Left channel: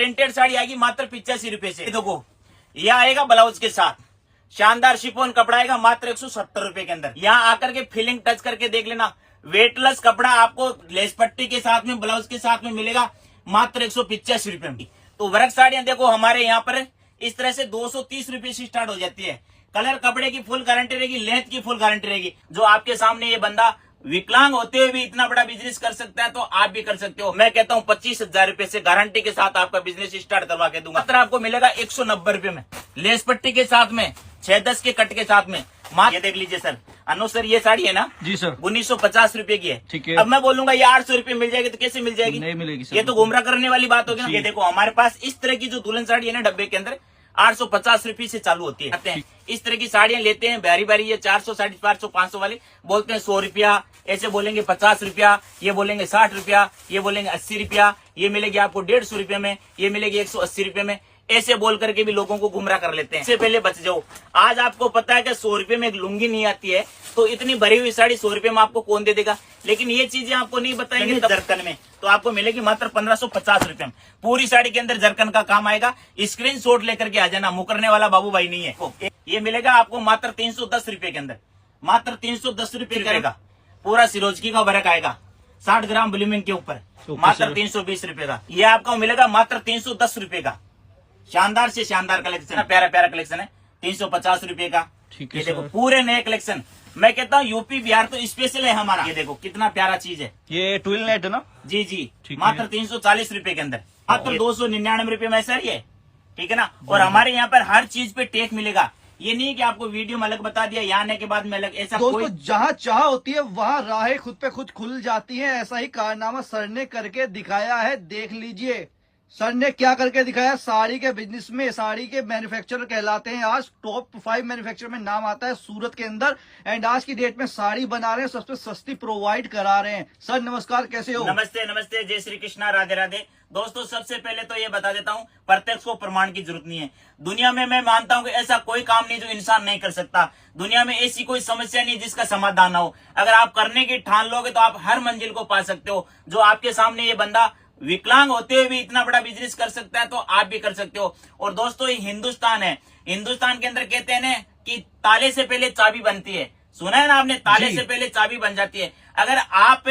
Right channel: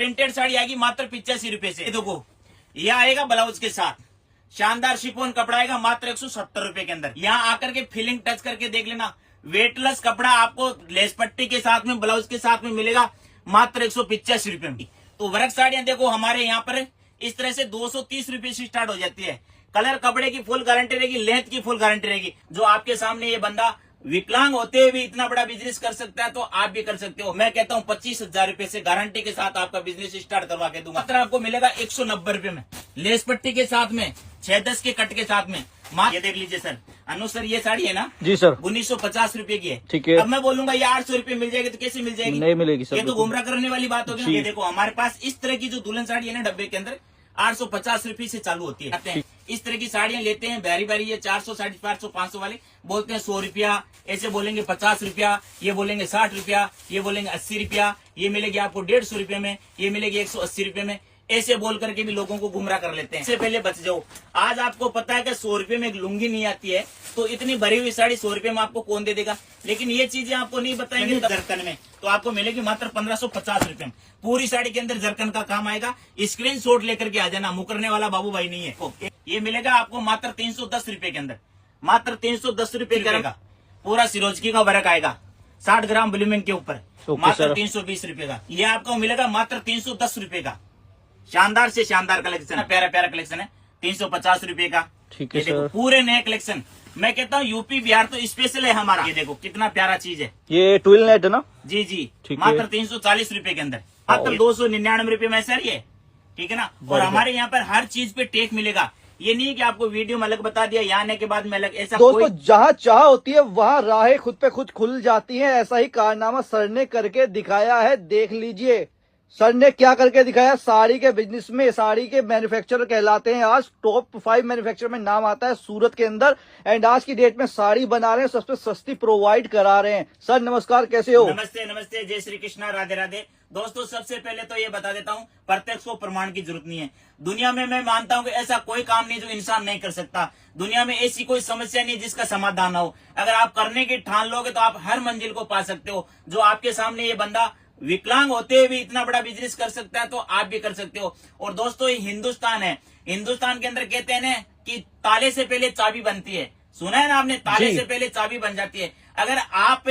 Printed sari आएगी मात्र 85 रुपए से। देखो यह आएगा ब्लाउज के साथ, शानदार शिफॉन कपड़ा आएगा मात्र 170 रुपए के अंदर। यहाँ आकर के फीलिंग टच करके देख लेना, वेटलेस कपड़ा आपको लेस पट्टी के साथ में ब्लाउज के साथ में मिलेगा मात्र 185 रुपए में। तो वर्क साड़ियां देखो हमारे यहाँ पर इस तरह से 230 रुपए से स्टार्ट हो जाती है। कलर कपड़े की फुल गारंटी रहेगी, लेंथ की फुल गारंटी रहेगी। जो आपके सामने ये बंदा विकलांग होते हुए भी इतना बड़ा बिजनेस कर सकता है तो आप भी कर सकते हो। मैं कहता हूँ 25,000 रुपए से गारंटी के साथ आपका बिजनेस स्टार्ट करवा के दूंगा। मात्र आपको मिलेगा 190 रुपए में, लेस पट्टी के साथ में, 6-10 के कट के साथ में। ये देख लीजिए सर, अनु सर ये साड़ी है ना जी सर, 1950 रुपए की है। ठीक है। अब मैं बोलूंगा ये 800 रुपए मिल जाएगी तो कैसे मिल जाएगी? नहीं मिलेगी सर, ये तो गुमराह करने वाली बात होगी ना। ये देखो हमारे पास इस तरह की जो दुल्हन साड़ी है ना डब्बे के अंदर 850 रुपए से चालू होती है। इस तरह की साड़ियां लेते हैं बारी बारी, ये 400, 450, 500 वाले बोलते हैं 100 रुपया, ऐसे बोलेंगे 50 रुपया, ये बोलेंगे 60 रुपया, ये बोलेंगे 80 रुपया, ये मिलेगी आपको 150 रुपये में, ये मिलेगी 180 रुपये में। ऐसे बोल करके भी लोगों को गुमराह कर लेते हैं। इससे पहले बच जाओ। आज आपको पता है कि 100 रुपए में एक लुंगी नहीं आती है, तो इतनी भरी हुई साड़ी 100 रुपए में आपको कौन दे देगा? लेकिन ये चीजें आपको नहीं बताएंगे जरकन में, तो आपको मिलेगी मात्र 1550 रुपए में। पूरी साड़ी के अंदर जरकन का काम आएगा। स्क्रीनशॉट लेकर के आ जाना, मुकरने वाला बाबू भाई नहीं है। ये मिलेगा आपको मात्र 310 रुपए के अंदर, मात्र 310 रुपए करेगा। पूरा सिरोजकी का वर्क आएगा 60 ग्राम ब्लूमिंग के ऊपर, मात्र 320 रुपए का। ये आपको मिलेगा मात्र 310 रुपए का। शानदार से शानदार कलेक्शन, प्यारा प्यारा कलेक्शन है, 350 रुपए का। ठीक है। देखो पूरे नए कलेक्शन, मैं कहता हूँ यूपी बिहार तो स्पेशल है हमारा। ये देखो कितना प्यारा चीज है, ये ट्विल नेट है ना? जी जी, ठीक मात्र है। 340 रुपए के अंदर, मात्र 299 रुपए में सर ये, ठीक है ना। और हमारे यहाँ पर हर चीज पे टेक मिलेगा। ये नहीं है कि आपको वीडियो में अलग बता दिया, यहाँ आने के बाद में अलग, ऐसा दोस्तों जहाँ चाह होती है वहाँ राहें खुद पे खुद खुल जाती हैं। ऐसा ही कारनामा सर ने करके दिखाया है, देख लीजिए सर ने क्या करके दिखाया। साड़ी के बिजनेस में साड़ी के मैन्युफैक्चरर कहलाते हैं। आज टॉप 5 मैन्युफैक्चरर में नाम आता है सूरत के अंदर, एंड आज की डेट में साड़ी बना रहे हैं, सबसे सस्ती प्रोवाइड करा रहे हैं। सर नमस्कार, कैसे हो? नमस्ते नमस्ते, जय श्री कृष्णा, राधे राधे। दोस्तों सबसे पहले तो ये बता देता हूँ, प्रत्यक्ष को प्रमाण की जरूरत नहीं है। दुनिया में मैं मानता हूँ कि ऐसा कोई काम नहीं जो इंसान नहीं कर सकता। दुनिया में ऐसी कोई समस्या नहीं जिसका समाधान ना हो। अगर आप करने की ठान लोगे तो आप हर मंजिल को पा सकते हो। जो आपके सामने ये बंदा विकलांग होते हुए भी इतना बड़ा बिजनेस कर सकता है तो आप भी कर सकते हो। और दोस्तों ये हिंदुस्तान है, हिंदुस्तान के अंदर कहते हैं ना कि ताले से पहले चाबी बनती है। सुना है ना आपने, ताले से पहले चाबी बन जाती है। अगर आप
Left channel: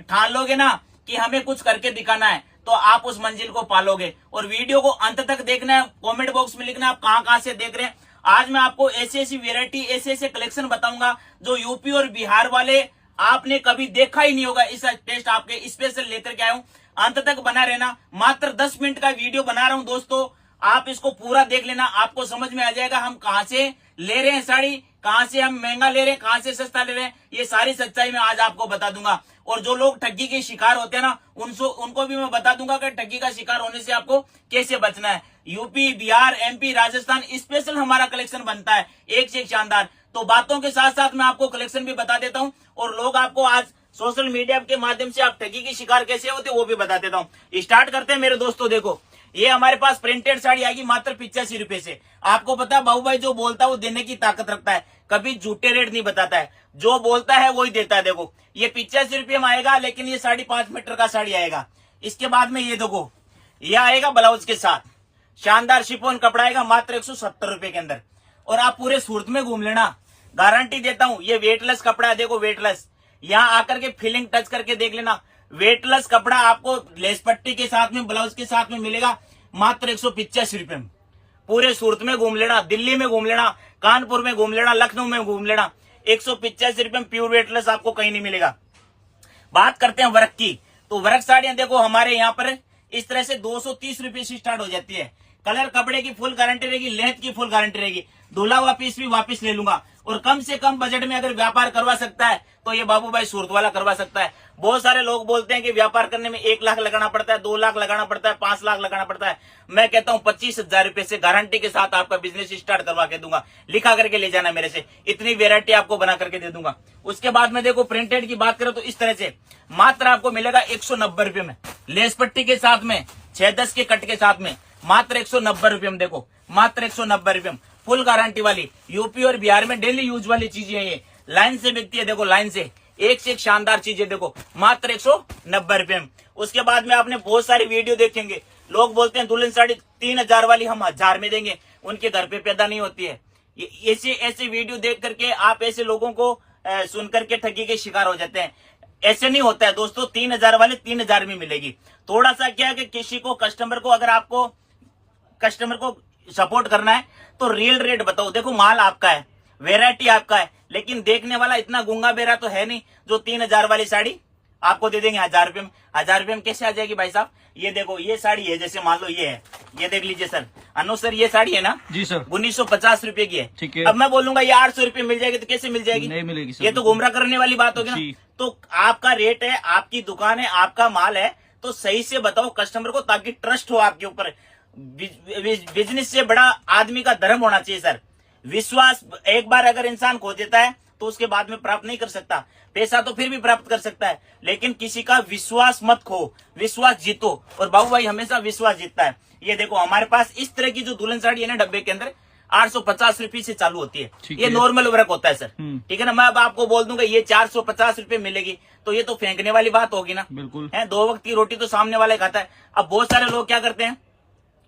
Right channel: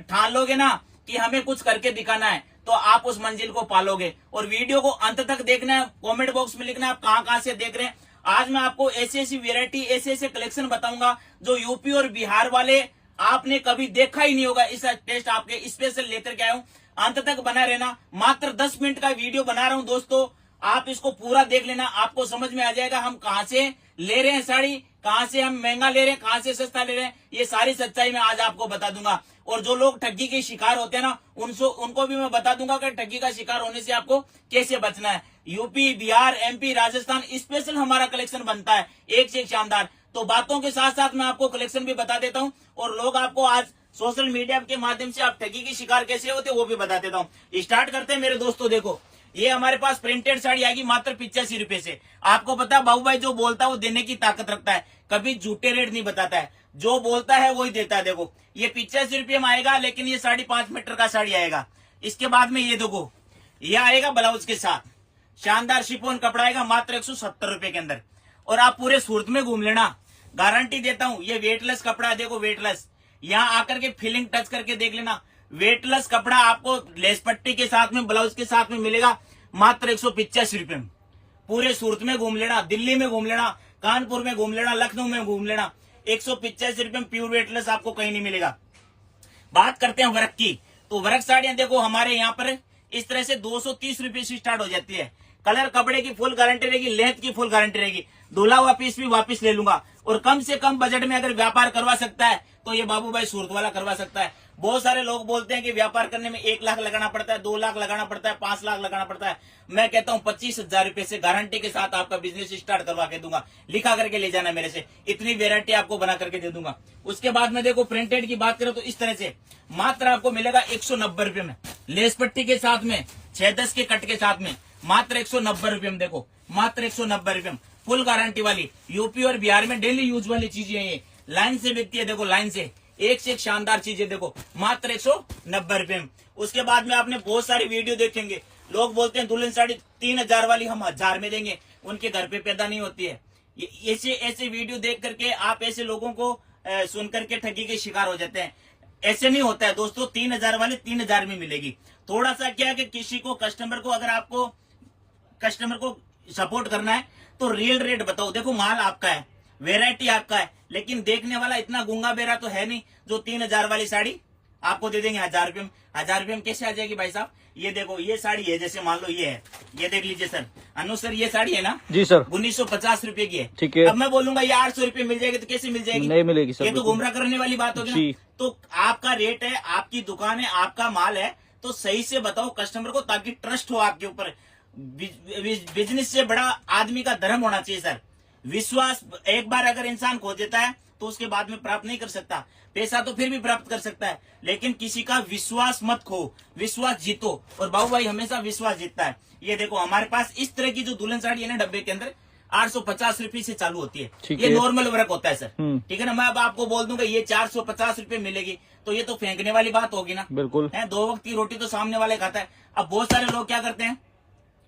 ठान लोगे ना कि हमें कुछ करके दिखाना है तो आप उस मंजिल को पालोगे। और वीडियो को अंत तक देखना है, कमेंट बॉक्स में लिखना है आप कहां से देख रहे हैं। आज मैं आपको ऐसी ऐसी वेरायटी, ऐसे ऐसे कलेक्शन बताऊंगा जो यूपी और बिहार वाले आपने कभी देखा ही नहीं होगा। इस टेस्ट आपके स्पेशल लेकर के आया हूँ, अंत तक बना रहना। मात्र 10 मिनट का वीडियो बना रहा हूं दोस्तों, आप इसको पूरा देख लेना, आपको समझ में आ जाएगा हम कहां से ले रहे हैं साड़ी, कहां से हम महंगा ले रहे हैं, कहां से सस्ता ले रहे हैं। ये सारी सच्चाई मैं आज आपको बता दूंगा। और जो लोग ठगी के शिकार होते हैं ना, उनको भी मैं बता दूंगा कि ठगी का शिकार होने से आपको कैसे बचना है। UP, Bihar, MP, Rajasthan special हमारा कलेक्शन बनता है, एक से एक शानदार। तो बातों के साथ साथ मैं आपको कलेक्शन भी बता देता हूँ, और लोग आपको आज सोशल मीडिया के माध्यम से आप ठगी की शिकार कैसे होते वो भी बता देता हूँ। स्टार्ट करते हैं मेरे दोस्तों। देखो ये हमारे पास प्रिंटेड साड़ी आएगी मात्र 85 रुपए से। आपको पता है बाबू भाई जो बोलता है वो देने की ताकत रखता है, कभी झूठे रेट नहीं बताता है, जो बोलता है वही देता है। देखो ये 85 रुपये में आएगा, लेकिन ये 5.5 मीटर का साड़ी आएगा। इसके बाद में ये देखो ये आएगा ब्लाउज के साथ, शानदार शिफॉन कपड़ा आएगा मात्र 170 रुपए के अंदर। और आप पूरे सूरत में घूम लेना, गारंटी देता हूँ। ये वेटलेस कपड़ा है, देखो वेटलेस। यहाँ आकर के फीलिंग टच करके देख लेना, वेटलेस कपड़ा आपको लेस पट्टी के साथ में, ब्लाउज के साथ में मिलेगा मात्र 185 रुपए में। पूरे सूरत में घूम लेना, दिल्ली में घूम लेना, कानपुर में घूम लेना, लखनऊ में घूम लेना, 185 रुपए में प्योर वेटलेस आपको कहीं नहीं मिलेगा। बात करते हैं वर्क की, तो वर्क साड़ियां देखो हमारे यहाँ पर इस तरह से 230 रुपए से स्टार्ट हो जाती है। कलर कपड़े की फुल गारंटी रहेगी, लेंथ की फुल गारंटी रहेगी। धुला हुआ पीस भी वापस ले लूंगा। और कम से कम बजट में अगर व्यापार करवा सकता है तो ये बाबू भाई सूरत वाला करवा सकता है। बहुत सारे लोग बोलते हैं कि व्यापार करने में 1 लाख लगाना पड़ता है, 2 लाख लगाना पड़ता है, 5 लाख लगाना पड़ता है। मैं कहता हूँ 25,000 रुपए से गारंटी के साथ आपका बिजनेस स्टार्ट करवा के दूंगा। लिखा करके ले जाना मेरे से, इतनी वेरायटी आपको बना करके दे दूंगा। उसके बाद में देखो प्रिंटेड की बात करें तो इस तरह से मात्र आपको मिलेगा 190 रुपए में, लेस पट्टी के साथ में, 6-10 के कट के साथ में, मात्र 190 रुपए में। देखो मात्र 190 रुपए में, फुल गारंटी वाली, यूपी और बिहार में डेली यूज वाली चीजें ये लाइन से बिकती है। देखो लाइन से एक शानदार चीजें, देखो मात्र 190 रुपए में। उसके बाद में आपने बहुत सारी वीडियो देखेंगे, लोग बोलते हैं दुल्हन साड़ी 3000 वाली हम 1000 में देंगे, उनके घर पे पैदा नहीं होती है। ऐसे ऐसे वीडियो देख करके आप ऐसे लोगों को सुन करके ठगी के शिकार हो जाते हैं। ऐसे नहीं होता है दोस्तों, 3000 वाले 3000 में मिलेगी। थोड़ा सा क्या है कि किसी को कस्टमर को, अगर आपको कस्टमर को सपोर्ट करना है तो रियल रेट बताओ। देखो माल आपका है, वेराइटी आपका है, लेकिन देखने वाला इतना गूंगा बेरा तो है नहीं जो 3000 वाली साड़ी आपको दे देंगे 1000 रुपये में। 1000 रुपये में कैसे आ जाएगी भाई साहब? ये देखो, ये साड़ी है, जैसे मान लो ये है, ये देख लीजिए सर। अनु सर, ये साड़ी है ना जी सर, 1950 रुपए की है। ठीक है। अब मैं बोलूंगा ये 800 रुपये मिल जाएगी, तो कैसे मिल जाएगी? नहीं मिलेगी सर, ये तो गुमराह करने वाली बात होगी जी। ना। तो आपका रेट है, आपकी दुकान है, आपका माल है, तो सही से बताओ कस्टमर को, ताकि ट्रस्ट हो आपके ऊपर। बिजनेस से बड़ा आदमी का धर्म होना चाहिए सर। विश्वास एक बार अगर इंसान खो देता है तो उसके बाद में प्राप्त नहीं कर सकता। पैसा तो फिर भी प्राप्त कर सकता है, लेकिन किसी का विश्वास मत खो, विश्वास जीतो। और बाबू भाई हमेशा विश्वास जीतता है। ये देखो हमारे पास इस तरह की जो दुल्हन साड़ी है ना, डब्बे के अंदर 850 रुपये से चालू होती है। ये नॉर्मल वर्क होता है सर, ठीक है ना। मैं अब आपको बोल दूंगा ये 450 रुपये मिलेगी, तो ये तो फेंकने वाली बात होगी ना। बिल्कुल है, 2 वक्त की रोटी तो सामने वाले खाता है। अब बहुत सारे लोग क्या करते हैं,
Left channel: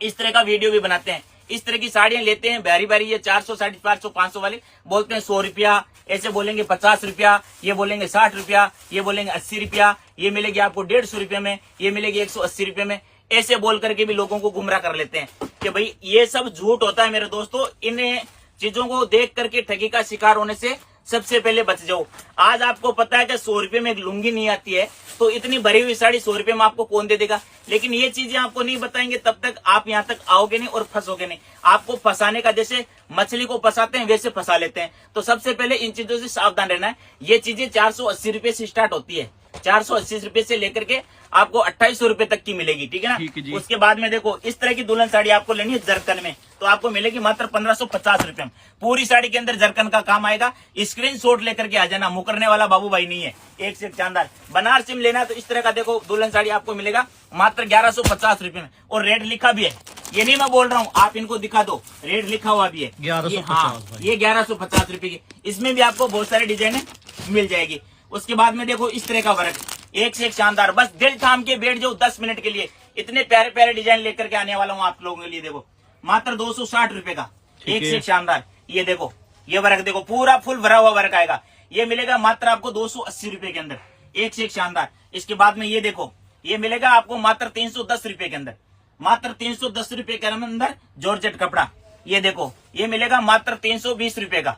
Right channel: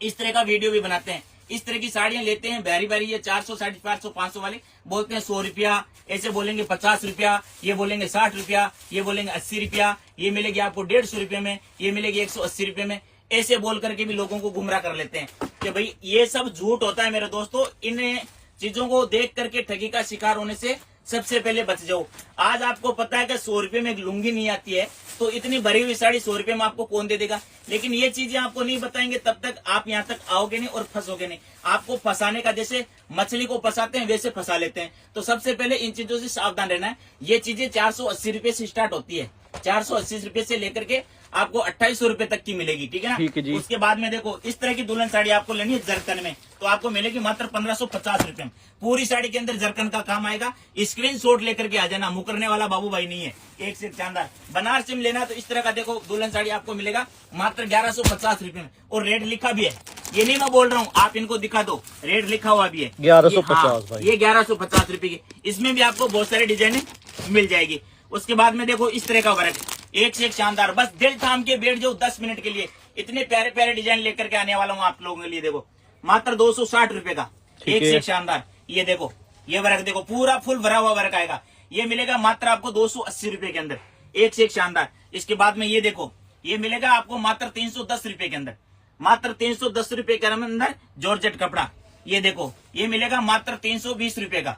इस तरह का वीडियो भी बनाते हैं, इस तरह की साड़ियां लेते हैं बारी बारी, ये 400, 450, 500 वाले बोलते हैं 100 रुपया, ऐसे बोलेंगे 50 रुपया, ये बोलेंगे 60 रुपया, ये बोलेंगे 80 रुपया, ये मिलेगी आपको 150 रुपये में, ये मिलेगी 180 रुपये में। ऐसे बोल करके भी लोगों को गुमराह कर लेते हैं कि भाई ये सब झूठ होता है मेरे दोस्तों। इन चीजों को देख करके ठगी का शिकार होने से सबसे पहले बच जाओ। आज आपको पता है कि 100 रुपये में एक लुंगी नहीं आती है, तो इतनी भरी हुई साड़ी 100 रुपये में आपको कौन दे देगा? लेकिन ये चीजें आपको नहीं बताएंगे, तब तक आप यहाँ तक आओगे नहीं और फंसोगे नहीं। आपको फंसाने का, जैसे मछली को फंसाते हैं वैसे फंसा लेते हैं। तो सबसे पहले इन चीजों से सावधान रहना है। ये चीजें 480 रुपये से स्टार्ट होती है, 480 रुपये से लेकर के आपको 2800 रुपये तक की मिलेगी, ठीक है ना। ठीक है जी। उसके बाद में देखो, इस तरह की दुल्हन साड़ी आपको लेनी है जरकन में, तो आपको मिलेगी मात्र 1550 रुपये में। पूरी साड़ी के अंदर जरकन का काम आएगा। स्क्रीनशॉट लेकर के आ जाना, मुकरने वाला बाबू भाई नहीं है, एक से एक शानदार। बनारसी में लेना तो इस तरह का देखो दुल्हन साड़ी आपको मिलेगा मात्र 1150 रुपये में, और रेट लिखा भी है। ये नहीं मैं बोल रहा हूँ, आप इनको दिखा दो, रेट लिखा हुआ भी है 1150 भाई। ये 1150 रुपये की। इसमें भी आपको बहुत सारी डिजाइने मिल जाएगी। उसके बाद में देखो इस तरह का वर्क, एक से एक शानदार। बस दिल थाम के बैठ जाओ 10 मिनट के लिए, इतने प्यारे प्यारे डिजाइन लेकर के आने वाला हूँ आप लोगों के लिए। देखो मात्र 260 रुपए का, एक से एक शानदार। ये देखो, ये वर्क देखो, पूरा फुल भरा हुआ वर्क आएगा। ये मिलेगा मात्र आपको 280 रुपए के अंदर, एक से एक शानदार। इसके बाद में ये देखो, ये मिलेगा आपको मात्र 310 रुपए के अंदर, मात्र 310 रुपए के अंदर जॉर्जेट कपड़ा। ये देखो, ये मिलेगा मात्र 320 रुपए का,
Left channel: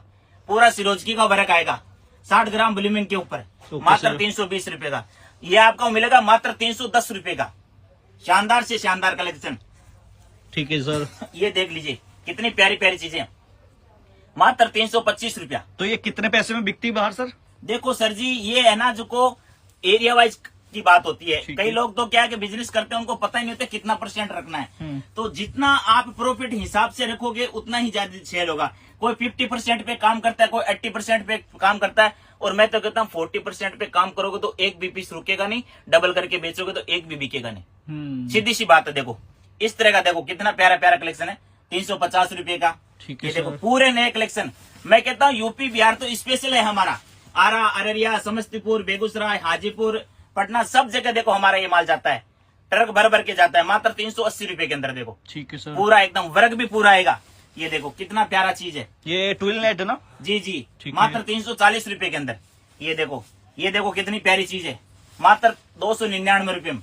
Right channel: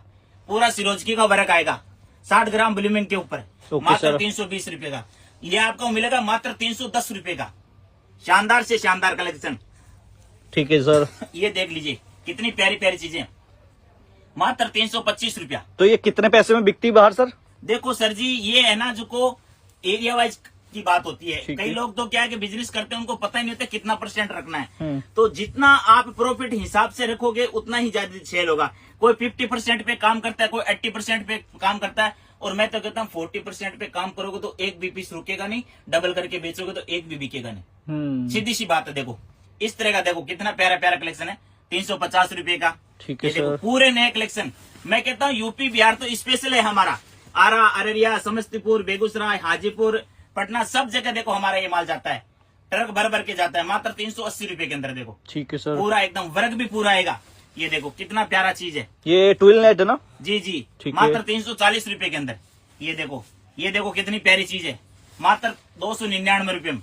पूरा सिरोजकी का वर्क आएगा 60 ग्राम ब्लूमिंग के ऊपर, मात्र 320 रुपए का। ये आपको मिलेगा मात्र 310 रुपए का, शानदार से शानदार कलेक्शन। ठीक है सर, ये देख लीजिए कितनी प्यारी प्यारी चीजें, मात्र 325 रुपया। तो ये कितने पैसे में बिकती बाहर सर? देखो सर जी, ये है ना, जो एरिया वाइज की बात होती है। कई लोग तो क्या है कि बिजनेस करते हैं, उनको पता ही नहीं होता कितना % रखना है। तो जितना आप प्रॉफिट हिसाब से रखोगे उतना ही ज्यादा सेल होगा। कोई 50% पे काम करता है, कोई 80% पे काम करता है, और मैं तो कहता हूँ 40% पे काम करोगे तो एक भी पीस रुकेगा नहीं, डबल करके बेचोगे तो एक भी बिकेगा नहीं। सीधी सी बात है। देखो इस तरह का, देखो कितना प्यारा प्यारा कलेक्शन है, 350 रुपए का। ठीक है देखो पूरे नए कलेक्शन। मैं कहता हूँ यूपी बिहार तो स्पेशल है हमारा, आरा, अररिया, समस्तीपुर, बेगूसराय, हाजीपुर, पटना, सब जगह देखो हमारा ये माल जाता है, ट्रक भर भर के जाता है, मात्र 380 रुपए के अंदर। देखो ठीक है सर, पूरा एकदम वर्क भी पूरा आएगा। ये देखो कितना प्यारा चीज है, ये ट्विल नेट है ना? जी जी, मात्र 340 रुपए के अंदर। ये देखो कितनी प्यारी चीज है, मात्र 299 रुपए में,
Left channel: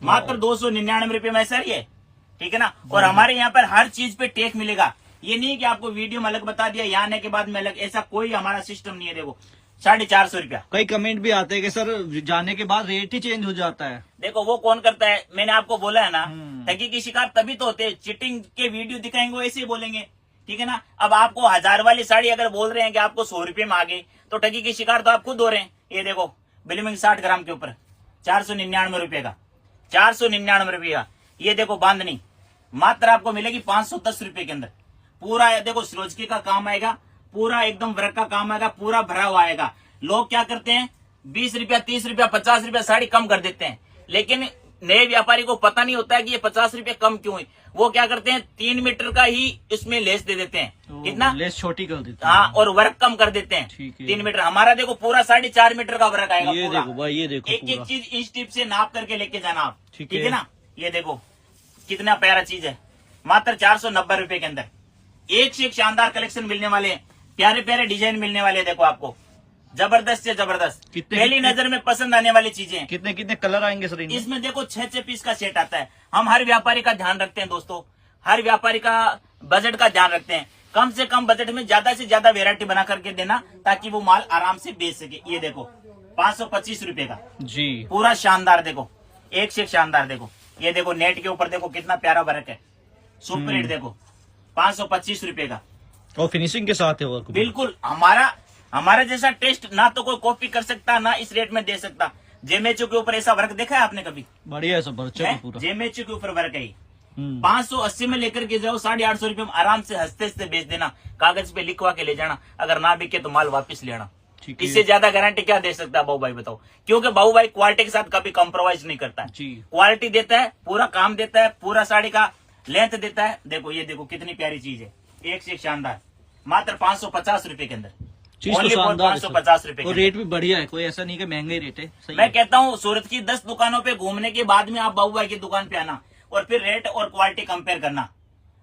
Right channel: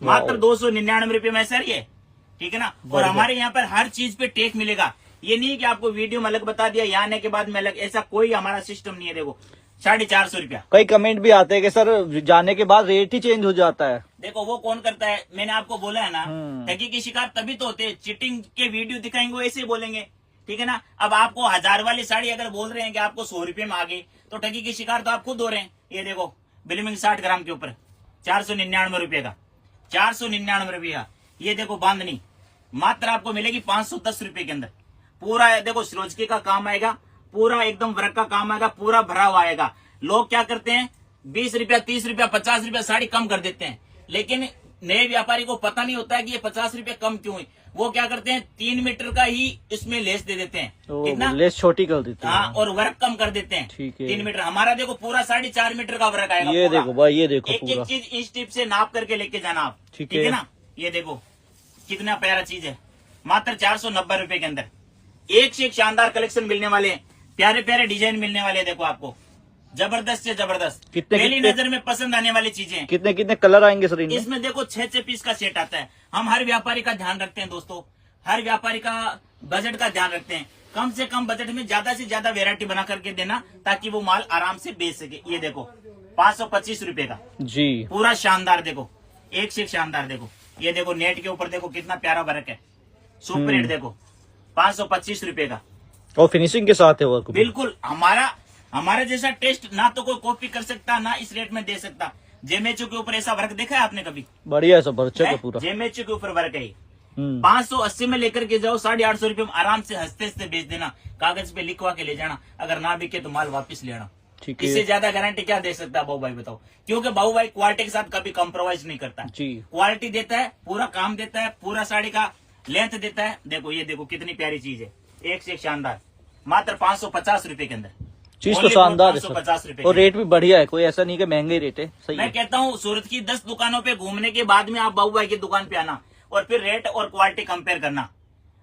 मात्र 299 रुपए में सर ये, ठीक है ना। और हमारे यहाँ पर हर चीज पे टैग मिलेगा। ये नहीं है कि आपको वीडियो में अलग बता दिया, यहाँ आने के बाद में अलग, ऐसा कोई हमारा सिस्टम नहीं है। देखो 450 रुपया। कई कमेंट भी आते हैं कि सर जाने के बाद रेट ही चेंज हो जाता है। देखो वो कौन करता है, मैंने आपको बोला है ना, ठगी की शिकार तभी तो होते हैं। चीटिंग के वीडियो दिखाएंगे ऐसे ही बोलेंगे, ठीक है ना। अब आपको 1000 वाली साड़ी अगर बोल रहे हैं कि आपको 100 रुपये में आ गई, तो ठगी की शिकार तो आप खुद हो रहे हैं। ये देखो ब्लूमिंग 60 ग्राम के ऊपर 499 रुपये का, 499 रुपये का। ये देखो बांधनी मात्र आपको मिलेगी 510 रुपये के अंदर। पूरा देखो सिरोजकी का काम आएगा, पूरा एकदम वर्क का काम आएगा, पूरा भरा हुआ आएगा। लोग क्या करते हैं, 20 रुपया, 30 रुपया, 50 रुपया साड़ी कम कर देते हैं, लेकिन नए व्यापारी को पता नहीं होता है कि ये 50 रुपये कम क्यों है। वो क्या करते हैं, 3 मीटर का ही इसमें लेस दे देते हैं, कितना लेस छोटी कर देते हैं, हाँ, और वर्क कम कर देते हैं। 3 मीटर, हमारा देखो पूरा 4.5 मीटर का वर्क आएगा। ये देखो भाई, ये देखो एक एक चीज इंच टिप से नाप करके लेके जाना आप, ठीक है ना। ये देखो कितना प्यारा चीज है, मात्र 490 रुपए के अंदर। एक से एक शानदार कलेक्शन मिलने वाले हैं, प्यारे प्यारे डिजाइन मिलने वाले हैं। देखो आपको जबरदस्त से जबरदस्त, पहली नजर में पसंद आने वाली चीजें। कितने कितने कलर आएंगे सर इनमें? इसमें देखो 6 पीस का सेट आता है। हम हर व्यापारी का ध्यान रखते हैं दोस्तों, हर व्यापारी का बजट का ध्यान रखते हैं। कम से कम बजट में ज्यादा से ज्यादा वेरायटी बना करके देना, ताकि वो माल आराम से बेच सके। ये देखो 525 रुपए का जी, पूरा शानदार, देखो एक से एक शानदार। देखो ये देखो नेट के ऊपर देखो कितना प्यारा वर्क है, सुपर हिट। देखो 525 रुपए का, और फिनिशिंग के साथ है वर्क। बिल्कुल हमारा जैसा टेस्ट ना तो कोई कॉपी कर सकता, ना इस रेट में दे सकता। जेमेचो के ऊपर ऐसा वर्क देखा है आपने कभी? बढ़िया है सब, अच्छा है पूरा। जेमेचो के ऊपर वर्क है। 580 में लेकर के जाओ, 850 रुपए में आराम से हंसते हंसते बेच देना, कागज पे लिखवा के ले जाना। अगर ना बिके तो माल वापस ले आना। इससे ज्यादा गारंटी क्या दे सकता है बाबू भाई, बताओ? क्योंकि बाबू भाई क्वालिटी के साथ कभी कॉम्प्रोमाइज नहीं करता है। क्वालिटी देता है, पूरा काम देता है, पूरा साड़ी का लेंथ देता है। देखो ये देखो कितनी प्यारी चीज है, एक से एक शानदार, मात्र 550 रुपए के अंदर। चीज तो शानदार है, 550 रुपए और रेट भी बढ़िया है, कोई ऐसा नहीं कि महंगे रेट है। सही मैं कहता हूँ सूरत की 10 दुकानों पे घूमने के बाद में आप बाबू भाई की दुकान पे आना, और फिर रेट और क्वालिटी कंपेयर करना।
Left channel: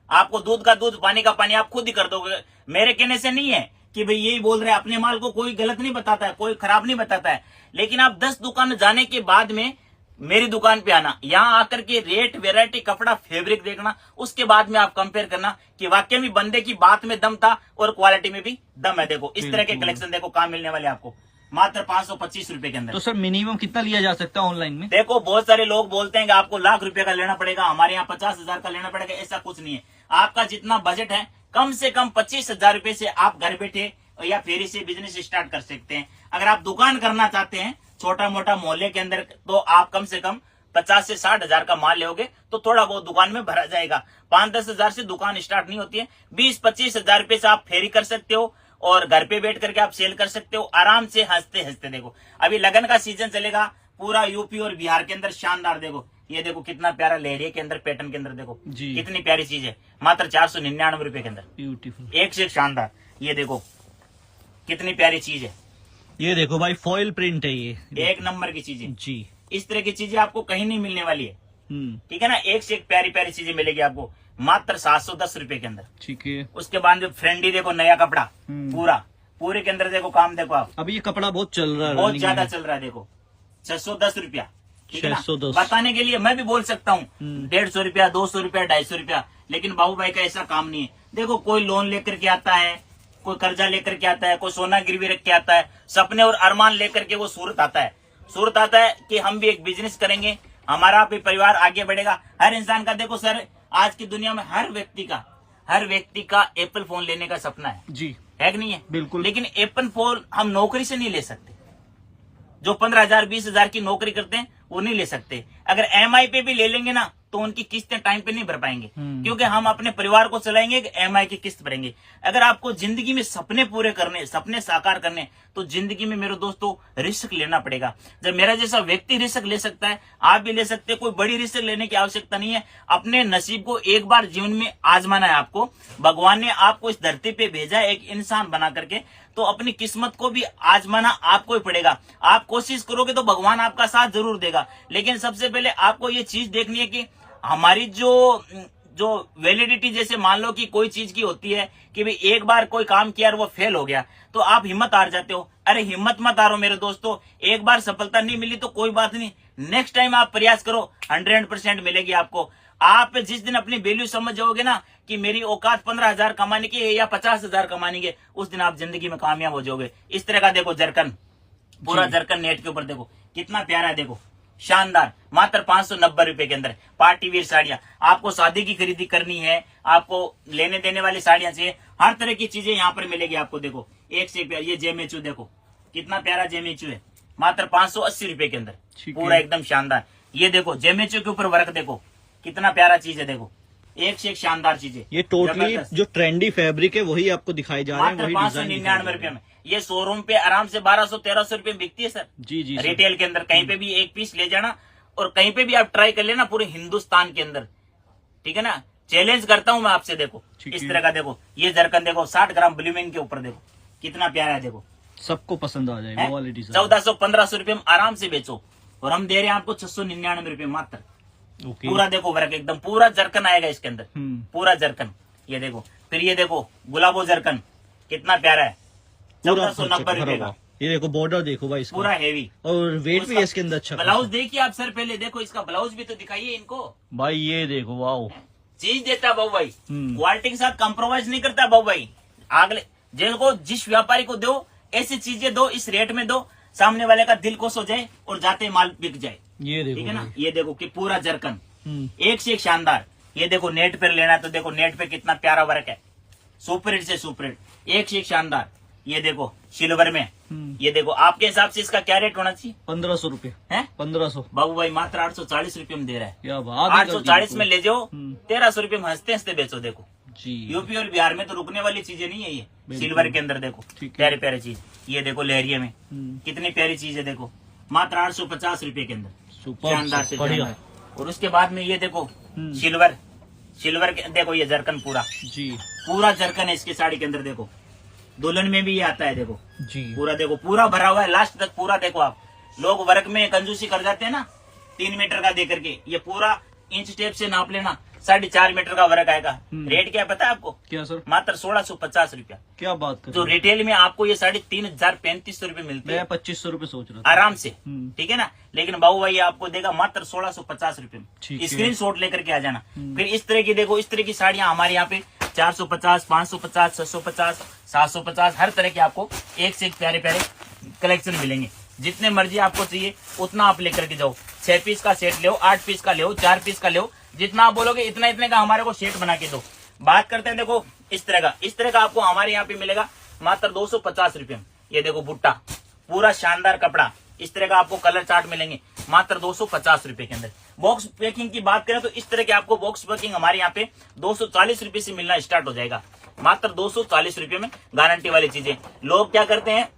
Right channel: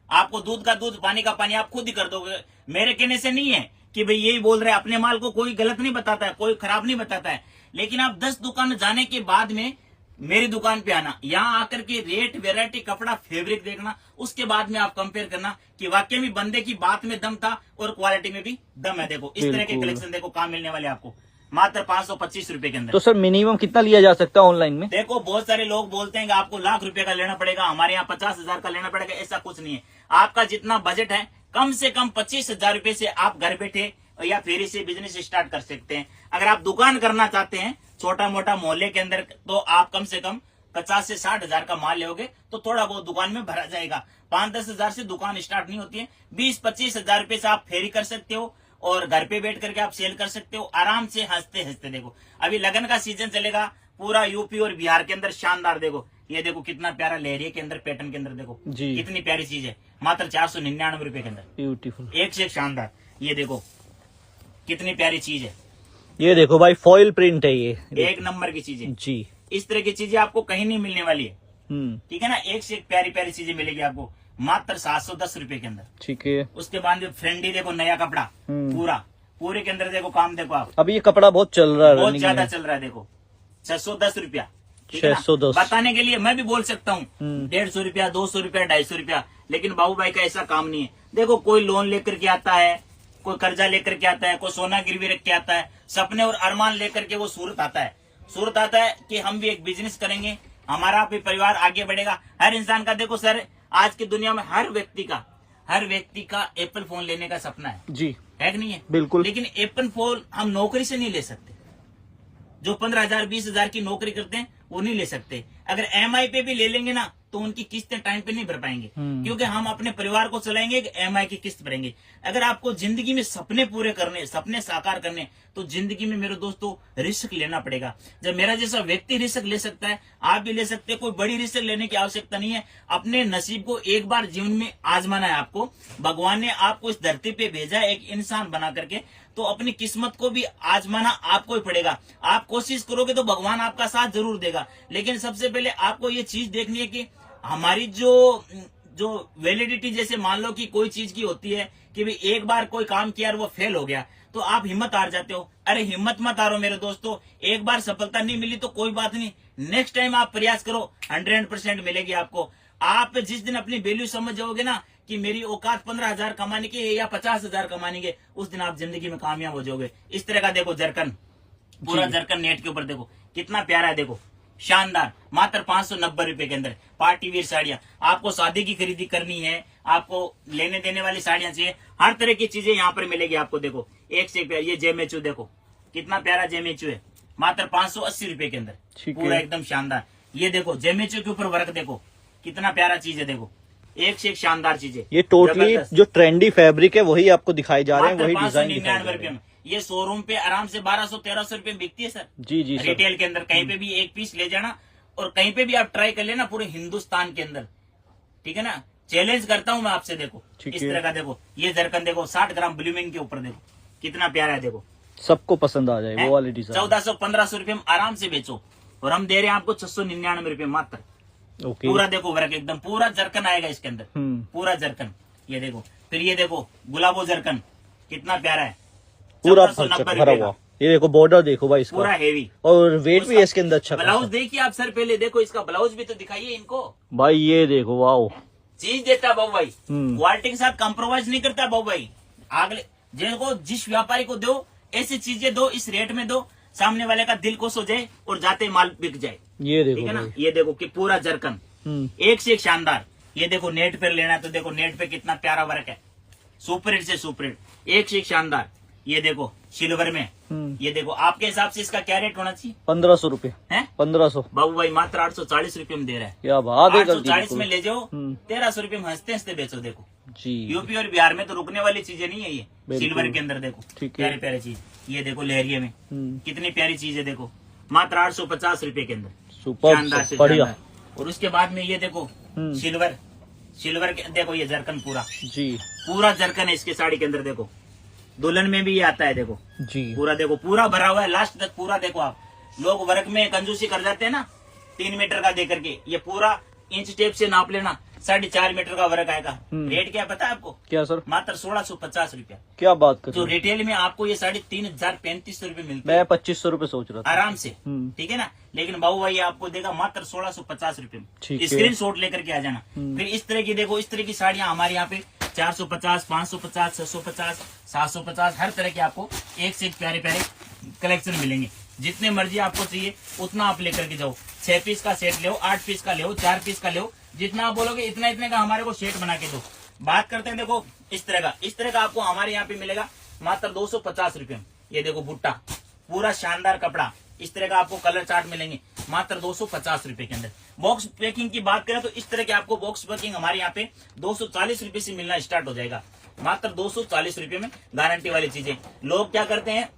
आपको दूध का दूध, पानी का पानी आप खुद ही कर दोगे। मेरे कहने से नहीं है कि भाई यही बोल रहे हैं, अपने माल को कोई गलत नहीं बताता है, कोई खराब नहीं बताता है। लेकिन आप 10 दुकान जाने के बाद में मेरी दुकान पे आना, यहाँ आकर के रेट, वेरायटी, कपड़ा, फैब्रिक देखना, उसके बाद में आप कंपेयर करना कि वाकई में बंदे की बात में दम था और क्वालिटी में भी दम है। देखो इस तरह के कलेक्शन देखो कहाँ मिलने वाले आपको, मात्र 525 रुपए के अंदर। तो सर मिनिमम कितना लिया जा सकता है ऑनलाइन में? देखो बहुत सारे लोग बोलते हैं कि आपको लाख रुपए का लेना पड़ेगा, हमारे यहाँ 50,000 का लेना पड़ेगा। ऐसा कुछ नहीं है। आपका जितना बजट है, कम से कम 25,000 रुपए से आप घर बैठे या फेरी से बिजनेस स्टार्ट कर सकते हैं। अगर आप दुकान करना चाहते हैं छोटा मोटा मोहल्ले के अंदर, तो आप कम से कम 50 से 60,000 का माल लोगे तो थोड़ा बहुत दुकान में भरा जाएगा। 5-10 हजार से दुकान स्टार्ट नहीं होती है। 20-25 हजार रुपए से आप फेरी कर सकते हो, और घर पे बैठ करके आप सेल कर सकते हो आराम से, हंसते हंसते। देखो अभी लगन का सीजन चलेगा पूरा यूपी और बिहार के अंदर, शानदार। देखो ये देखो कितना प्यारा लेहरिया के अंदर, पैटर्न के अंदर, देखो कितनी प्यारी चीज है, मात्र 499 रुपए के अंदर। ब्यूटीफुल, एक से एक शानदार। ये देखो कितनी प्यारी चीज है। ये देखो भाई फॉइल प्रिंट है, ये एक नंबर की चीज है जी। इस तरह की चीजें आपको कहीं नहीं मिलने वाली है। ठीक है ना, एक से एक प्यारी प्यारी चीजें मिलेगी आपको मात्र 710 रुपए के अंदर। ठीक है। उसके बाद जो फ्रेंडी देखो, नया कपड़ा पूरे के अंदर देखो काम देखो आप। अभी ये कपड़ा बहुत चल रहा है, बहुत ज्यादा चल रहा है। देखो 610 रुपया, 610। बताने के लिए मैं भी बोल सकता हूँ 150 रुपया, 200 रुपया, 250 रुपया, लेकिन बाबू भाई का ऐसा काम नहीं है। देखो कोई लोन लेकर के आता है, कोई कर्जा लेकर के आता है, कोई सोना गिरवी रख के आता है, सपने और अरमान लेकर के वो सूरत आता है। सूरत आता है कि हम भी एक बिजनेस करेंगे, हमारा भी परिवार आगे बढ़ेगा। हर इंसान का देखो सर, आज की दुनिया में हर व्यक्ति का एप्पल फोन लेने का सपना है जी, है कि नहीं है? बिल्कुल। लेकिन एप्पल फोन हम नौकरी से नहीं ले सकते। जो 15,000 20,000 की नौकरी करते हैं वो नहीं ले सकते। अगर EMI पे भी ले लेंगे ना तो उनकी किस्तें टाइम पे नहीं भर पाएंगे, क्योंकि हम अपने परिवार को चलाएंगे कि EMI की किस्त भरेंगे। अगर आपको जिंदगी में सपने पूरे करने, सपने साकार करने, तो जिंदगी में मेरे दोस्तों रिस्क लेना पड़ेगा। जब मेरा जैसा व्यक्ति रिस्क ले सकता है, आप भी ले सकते हैं। कोई बड़ी रिस्क लेने की आवश्यकता नहीं है। अपने नसीब को एक बार जीवन में आजमाना है आपको। भगवान ने आपको इस धरती पे भेजा है एक इंसान बना करके, तो अपनी किस्मत को भी आजमाना आपको ही पड़ेगा। आप कोशिश करोगे तो भगवान आपका साथ जरूर देगा। लेकिन सबसे पहले आपको ये चीज देखनी है कि हमारी जो वैलिडिटी, जैसे मान लो कि कोई चीज की होती है कि भाई एक बार कोई काम किया और वो फेल हो गया तो आप हिम्मत हार जाते हो। अरे हिम्मत मत हारो मेरे दोस्तों, एक बार सफलता नहीं मिली तो कोई बात नहीं, नेक्स्ट टाइम आप प्रयास करो, 100% मिलेगी आपको। आप जिस दिन अपनी वैल्यू समझ जाओगे ना कि मेरी औकात 15,000 कमाने की है या 50,000 कमाने की, उस दिन आप जिंदगी में कामयाब हो जाओगे। इस तरह का देखो जरकन, पूरा जरकन नेट के ऊपर देखो कितना प्यारा है। देखो शानदार, मात्र 590 रुपए के अंदर पार्टी वेयर साड़ियां। आपको शादी की खरीदी करनी है, आपको लेने देने वाली साड़ियां चाहिए, हर तरह की चीजें यहाँ पर मिलेगी आपको। देखो एक से प्यारा ये जेमेचू, देखो कितना प्यारा जेमेचू है, मात्र 580 रुपए के अंदर, पूरा एकदम शानदार। ये देखो जेमेचू के ऊपर वर्क देखो कितना प्यारा चीज है। देखो एक से एक शानदार चीजें। ये टोटली जो ट्रेंडी फैब्रिक है वही आपको दिखाई जा रहे हैं, वही डिजाइन 599 रुपए में। ये शोरूम पे आराम से 1200-1300 रुपए बिकती है सर। जी जी रिटेल के अंदर कहीं पे भी एक पीस ले जाना और कहीं पे भी आप ट्राई कर लेना पूरे हिंदुस्तान के अंदर, ठीक है ना। चैलेंज करता हूं मैं आपसे। देखो इस तरह का, देखो ये जरकन देखो 60 ग्राम ब्लूमिंग के ऊपर, देखो कितना प्यारा है। देखो सबको पसंद आ जाए वो वाली डिजाइन। 1400-1500 रुपए में आराम से बेचो, और हम दे रहे हैं आपको 699 रुपए मात्र। ओके। पूरा देखो वर्क एकदम पूरा जरकन आएगा इसके अंदर, पूरा जरकन। ये देखो, फिर ये देखो गुलाबो जरकन कितना प्यारा है, पूरा 1490 भरा रुपए का। हुआ। ये देखो बॉर्डर देखो भाई इसका, पूरा हेवी और वेट भी है इसके अंदर अच्छा ब्लाउज खासा। देखिए आप सर, पहले देखो इसका ब्लाउज भी तो दिखाइए इनको। भाई ये देखो वाओ, चीज देता है बाबू भाई, क्वालिटी के साथ कॉम्प्रोमाइज नहीं करता बाबू भाई। अगले जिनको जिस व्यापारी को दो ऐसी चीजें दो, इस रेट में दो, सामने वाले का दिल खुश हो जाए और जाते माल बिक जाए। ये ठीक देखो है ना, भाई। ये देखो कि पूरा जरकन एक से एक शानदार। ये देखो नेट पे लेना है तो देखो नेट पे कितना प्यारा वर्क है, सुपर हिट से सुपर हिट, एक से एक शानदार। ये देखो सिल्वर में, ये देखो आपके हिसाब से इसका क्या रेट होना चाहिए? 1500 रुपए है 1500। बाबू भाई मात्र 840 रुपए में दे रहा है। क्या बात है, 840 में ले जाओ, 1300 रुपए में हंसते हंसते बेचो। देखो जी। यूपी और बिहार में तो रुकने वाली चीजें नहीं है ये। बिल्कुल। सिल्वर के अंदर देखो ठीक है। प्यारे प्यारे चीज। ये देखो लहरिये में कितनी प्यारी चीज है, देखो मात्र 850 रुपए के अंदर, सुपर शानदार से बढ़िया शानदार। और उसके बाद में ये देखो सिल्वर, सिल्वर के देखो ये जरकन पूरा, जी पूरा जरकन है इसके साड़ी के अंदर। देखो दुल्हन में भी ये आता है, देखो जी। पूरा देखो पूरा भरा हुआ है लास्ट तक पूरा। देखो आप लोग वर्क में कंजूसी कर जाते हैं ना, 3 मीटर का दे करके, ये पूरा इंच टेप से नाप लेना, 4.5 मीटर का वर्क आएगा। रेट क्या पता है आपको? क्या सर? मात्र 1650 रुपया। क्या बात कर तो रिटेल में आपको ये 3500 रुपए मिलते मैं हैं 2500 रुपए सोच रहा था आराम से, ठीक है ना। लेकिन बाबू भाई आपको देगा मात्र 1650 रुपए ठीक में। है। स्क्रीन शॉट लेकर के आ जाना। फिर इस तरह की देखो, इस तरह की साड़ियां हमारे यहाँ पे 450, 550, 650, 750, हर तरह के आपको एक से एक प्यारे प्यारे कलेक्शन मिलेंगे। जितने मर्जी आपको चाहिए उतना आप लेकर के जाओ। 6 पीस का सेट ले, 8 पीस का ले, 4 पीस का ले, जितना आप बोलोगे इतना इतने का हमारे को सेट बना के दो। बात करते हैं देखो इस तरह का आपको हमारे यहाँ पे मिलेगा मात्र 250 रुपए में। ये देखो भुट्टा, पूरा शानदार कपड़ा, इस तरह का आपको कलर चार्ट मिलेंगे मात्र 250 रुपए के अंदर। बॉक्स पैकिंग की बात करें तो इस तरह के आपको बॉक्स पैकिंग हमारे यहाँ पे 240 रुपए से मिलना स्टार्ट हो जाएगा, मात्र 240 रुपए में गारंटी वाली चीजें। लोग क्या करते हैं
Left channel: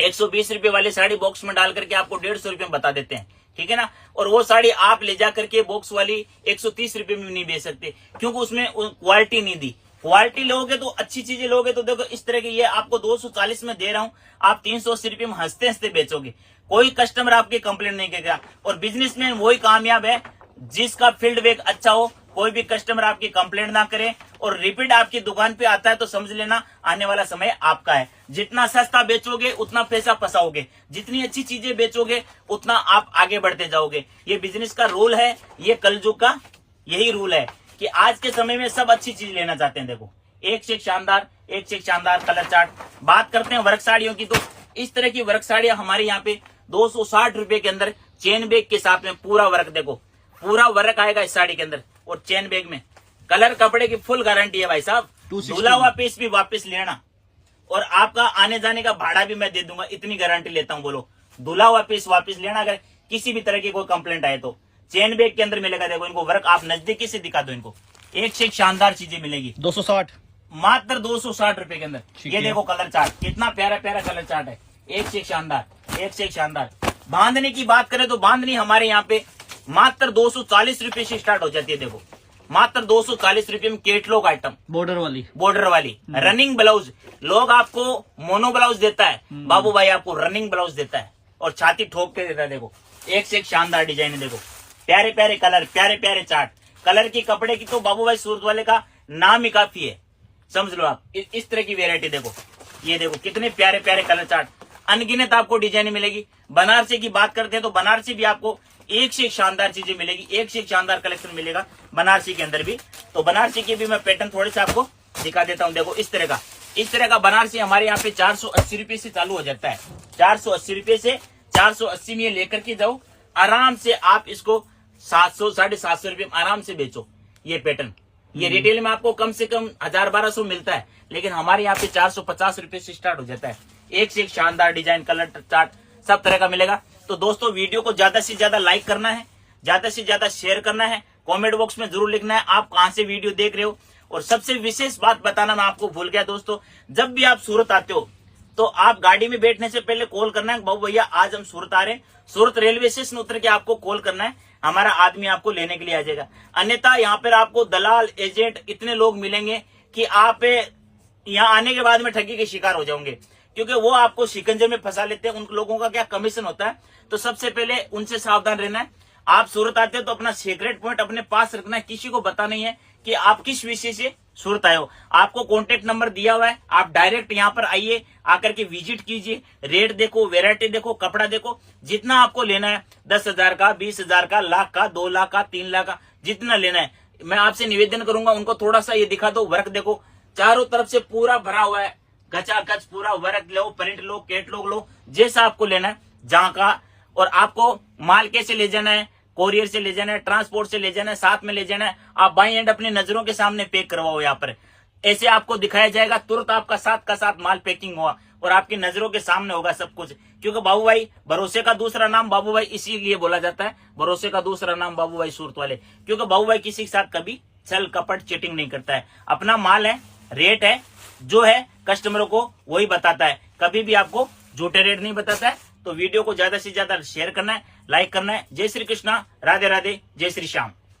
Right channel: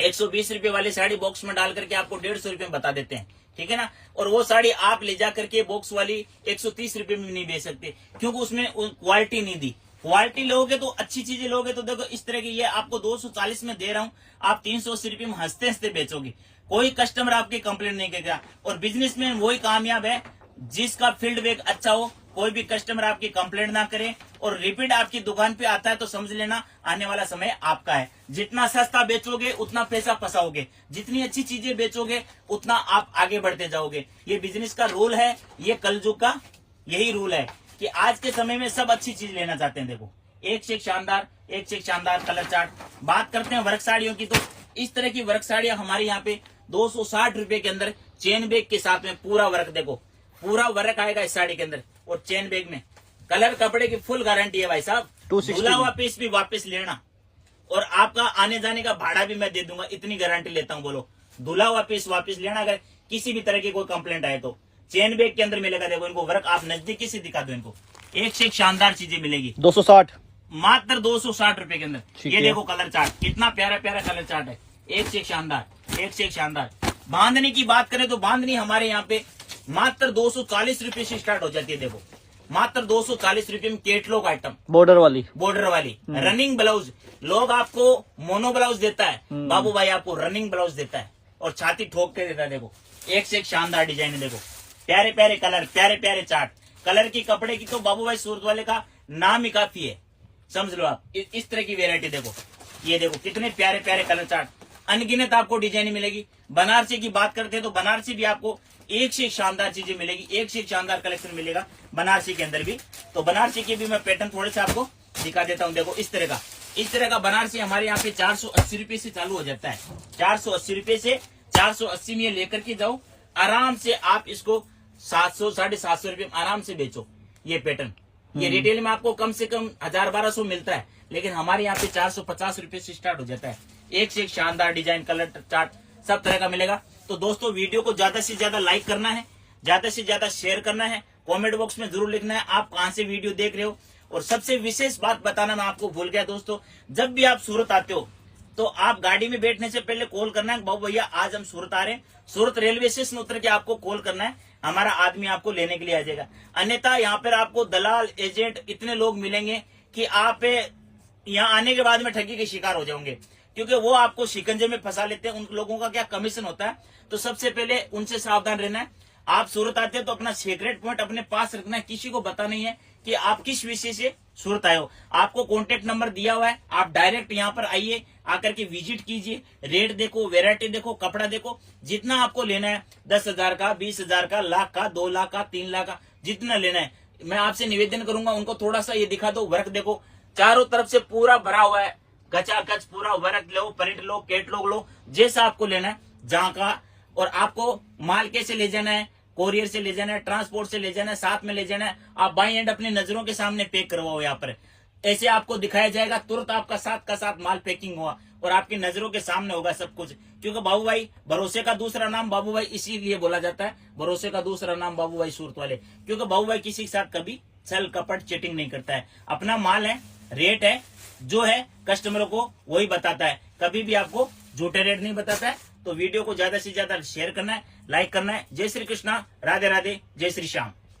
120 रुपए वाली साड़ी बॉक्स में डाल करके आपको 150 रुपए में बता देते हैं, ठीक है ना। और वो साड़ी आप ले जा करके बॉक्स वाली 130 रुपए में नहीं बेच सकते, क्योंकि उसमें क्वालिटी नहीं दी। क्वालिटी लोगे तो अच्छी चीजें लोगे तो देखो इस तरह की ये आपको 240 में दे रहा हूं, आप 380 रुपए में हंसते हंसते बेचोगे। कोई कस्टमर आपकी कंप्लेंट नहीं करेगा। और बिजनेस में वही कामयाब है जिसका फील्ड वर्क अच्छा हो, कोई भी कस्टमर आपकी कंप्लेंट ना करे और रिपीट आपकी दुकान पे आता है तो समझ लेना आने वाला समय आपका है। जितना सस्ता बेचोगे उतना पैसा फंसाओगे, जितनी अच्छी चीजें बेचोगे उतना आप आगे बढ़ते जाओगे। ये बिजनेस का रूल है, ये कलयुग का यही रूल है कि आज के समय में सब अच्छी चीज लेना चाहते हैं। देखो एक से एक शानदार, एक से एक शानदार कलर चार्ट। बात करते हैं वर्क साड़ियों की, तो इस तरह की वर्क साड़ियां हमारे यहाँ पे 260 रुपए के अंदर चेन बैग के साथ में पूरा वर्क, देखो पूरा वर्क आएगा इस साड़ी के अंदर और चेन बैग में। कलर कपड़े की फुल गारंटी है भाई साहब। 260 धुला हुआ पीस भी वापस लेना और आपका आने जाने का भाड़ा भी मैं दे दूंगा, इतनी गारंटी लेता हूँ। बोलो धुला हुआ पीस वापस लेना अगर किसी भी तरह की कोई कंप्लेंट आए तो। चेन बैग के अंदर मिलेगा, देखो इनको वर्क आप नजदीकी से दिखा दो, इनको एक से एक शानदार चीजें मिलेगी 260 मात्र 260 रुपए के अंदर। ठीक ये है। देखो कलर चार्ट, कितना प्यारा प्यारा कलर चार्ट है, एक से एक शानदार, एक से एक शानदार। बांधनी की बात करें तो बांधनी हमारे यहाँ पे मात्र 240 रुपए से स्टार्ट हो जाती है। देखो मात्र 240 रुपए में केटलॉग आइटम, बॉर्डर वाली रनिंग ब्लाउज। लोग आपको मोनो ब्लाउज देता है, बाबू भाई आपको रनिंग ब्लाउज देता है और छाती ठोक के देता है। देखो एक से एक शानदार डिजाइन है, देखो प्यारे प्यारे कलर, प्यारे प्यारे चार्ट। कलर की कपड़े की तो बाबू भाई सूरत वाले का नाम ही काफी है, समझ लो आप। इस तरह की वेरायटी देखो, ये देखो कितने प्यारे प्यारे कलर चार्ट, अनगिनत आपको डिजाइन मिलेगी। बनारसी की बात करते हैं तो बनारसी भी आपको एक से एक शानदार चीजें मिलेगी, एक से एक शानदार कलेक्शन मिलेगा बनारसी के अंदर भी। तो बनारसी की भी मैं पैटर्न थोड़े से आपको दिखा देता हूँ। देखो इस तरह का बनारसी हमारे यहाँ पे 480 रुपए से चालू हो जाता है। 480 रुपए से 480 में लेकर के जाओ, आराम से आप इसको 700 750 रुपए में आराम से बेचो। ये पैटर्न ये रिटेल में आपको कम से कम 1000-1200 मिलता है, लेकिन हमारे यहाँ पे 450 रुपए से स्टार्ट हो जाता है। एक से एक शानदार डिजाइन, कलर चार्ट सब तरह का मिलेगा। तो दोस्तों वीडियो को ज्यादा से ज्यादा लाइक करना है, ज्यादा से ज्यादा शेयर करना है, कमेंट बॉक्स में जरूर लिखना है आप कहां से वीडियो देख रहे हो। और सबसे विशेष बात बताना मैं आपको भूल गया दोस्तों, जब भी आप सूरत आते हो तो आप गाड़ी में बैठने से पहले कॉल करना है, बाबू भैया आज हम सूरत आ रहे हैं। सूरत रेलवे स्टेशन उतर के आपको कॉल करना है, हमारा आदमी आपको लेने के लिए आ जाएगा। अन्यथा यहाँ पर आपको दलाल एजेंट इतने लोग मिलेंगे कि आप यहाँ आने के बाद में ठगी के शिकार हो जाओगे, क्योंकि वो आपको शिकंजे में फंसा लेते हैं। उन लोगों का क्या कमीशन होता है, तो सबसे पहले उनसे सावधान रहना है। आप सूरत आते हो तो अपना सीक्रेट पॉइंट अपने पास रखना है, किसी को पता नहीं है कि आप किस विषय से सूरत आए हो। आपको कॉन्टेक्ट नंबर दिया हुआ है, आप डायरेक्ट यहाँ पर आइए, आकर के विजिट कीजिए, रेट देखो, वेरायटी देखो, कपड़ा देखो, जितना आपको लेना है 10,000 का, 20,000 का, लाख का, 2 लाख का, 3 लाख का, जितना लेना है। मैं आपसे निवेदन करूंगा, उनको थोड़ा सा ये दिखा दो, वर्क देखो, चारों तरफ से पूरा भरा हुआ है, गचागच पूरा वर्क लो, प्रिंट लो, कैटलॉग लो, जैसा आपको लेना है, जहां का। और आपको माल कैसे ले जाना है, कोरियर से ले जाना है, ट्रांसपोर्ट से ले जाना है, साथ में ले जाना है, आप बाई एंड अपनी नजरों के सामने पैक करवाओ। यहाँ पर ऐसे आपको दिखाया जाएगा, तुरंत आपका साथ का साथ माल पैकिंग हुआ और आपकी नजरों के सामने होगा सब कुछ। क्योंकि बाबू भाई, भरोसे का दूसरा नाम बाबू भाई इसीलिए बोला जाता है, भरोसे का दूसरा नाम बाबू भाई सूरत वाले, क्योंकि बाबू भाई किसी के साथ कभी छल कपट चीटिंग नहीं करता है। अपना माल है, रेट है, जो है कस्टमरों को वही बताता है, कभी भी आपको झूठे रेट नहीं बताता है। तो वीडियो को ज्यादा से ज्यादा शेयर करना है, लाइक करना है। जय श्री कृष्णा, राधे राधे, जय श्री श्याम।